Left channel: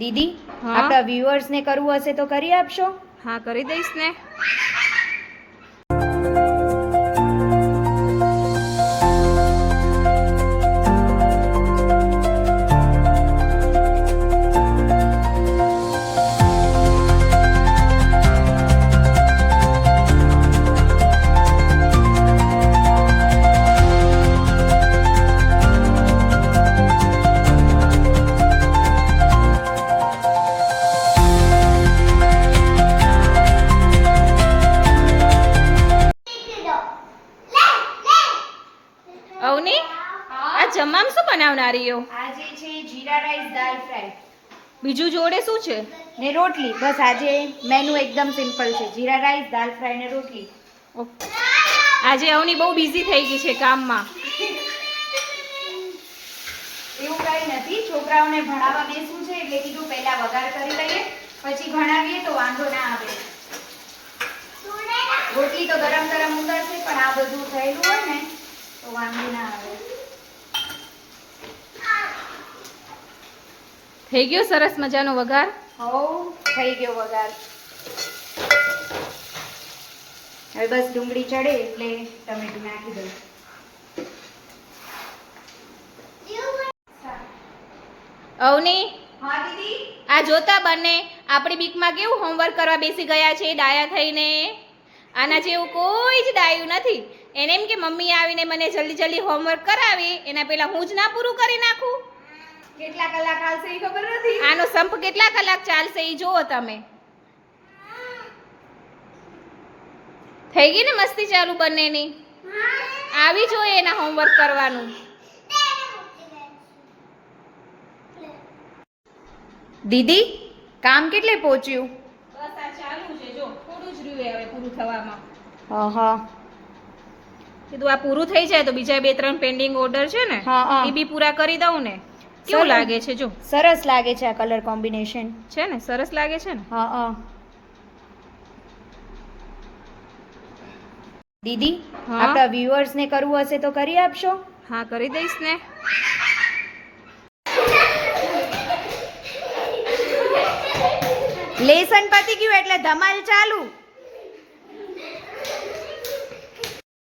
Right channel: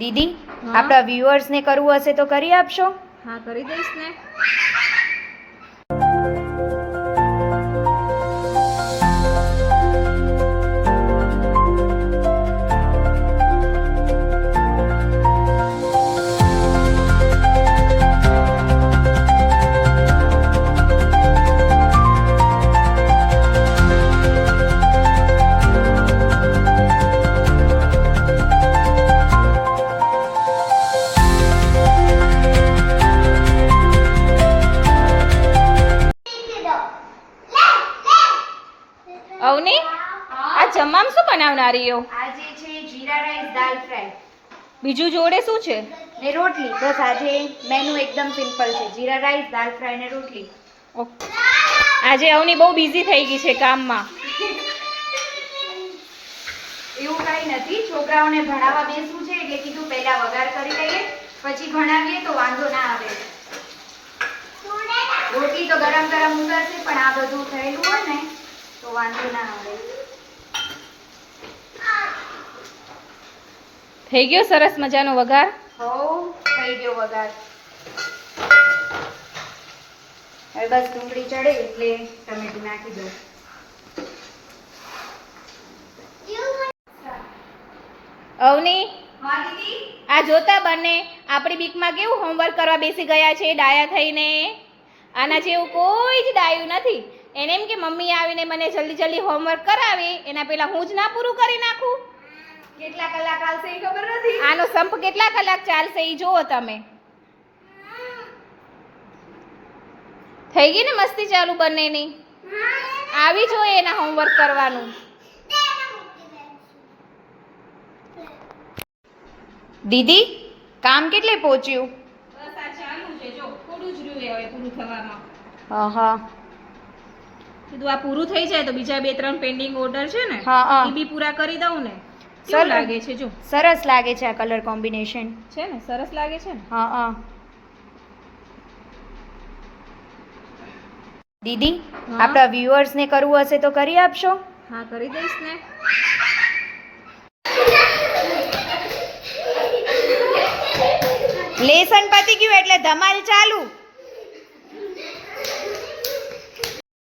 દીદી, આપણા વ્યુઅર્સ ને કરવું હશે તો કરી આપશો? હા, કરી દઈશ ને. અવની, આ જમવામાં શું બનાવનારી હો? આજે છે જીરા રાઈસ દાલ ફ્રાય બીજું જોડે શું છે? ને રોટલી. બસ આજે મેનુ એકદમ સિમ્પલ છે, જીરા રાઈસ દાલ ફ્રાય ને રોટલી. આજે અવની બહુ બિઝી થઈ ગઈ છે કામમાં. એવું કઈ નથી, છોકરાઓને ભણાવવા બેસવું છે એટલે કીધું પહેલા વઘાર કરી લઈએ, પછી ભણાવીએ તો વાંધો ના આવે. રોટલી તો ગરમ ગરમ ઉતરશે, પણ આ બધું થયેલું હોય ને તો વાંધો ના આવે. થઈ ગયો સરસ મજાનો વઘાર? હવ, થઈ ગયો વઘાર. હવે બસ ડુંગળી ચડે એટલે ટમેટું નાખી દઉં. અવની, હા દીદી. આ જોતા બંને આપણી બીકમાં કેવું હોમવર્ક કરવા બેસી ગયા છે ડાયા થઈને. આના જેવું કોઈ જ ડાયું નથી. એને એમ કે મમ્મી આવીને મને જલ્દી જલ્દી હોમવર્ક કરાવે, એના પહેલા હું જ ના પૂરું કરી નાખું. કેટલા કલાક આવશે એ ખબર નથી. આનો સંપ કેટલા કલાક ચાલશે એ જુઓ તમે. થઈ ગઈ ને મસ્તી ચાલુ બંનેની? આવી જોઈએ એના હોમવર્ક કરવાનું. દીદી, કામ કેટલે પહોંચ્યું? બસ આ ચાલુ છે, જો થોડું જ રહ્યું હવે પૂરું થવામાં. હા. કીધું આ પૂરું થઈ જાય તો બીજા 2-3 પેન્ડિંગ ઓર્ડર છે ને હા. એ બી પૂરા કરી દઉં ને. કેવું લાગે છે? જો સરસ લાગે છે આ કલર કોમ્બિનેશન. છે ને, સરસ લાગે છે ને. હા. દીદી, આપણા વ્યુઅર્સ ને કરવું હશે તો કરી આપશો? હા, કરી દઈશ ને. લેસન પતી ગયું એટલે ધમાલ ચાલુ.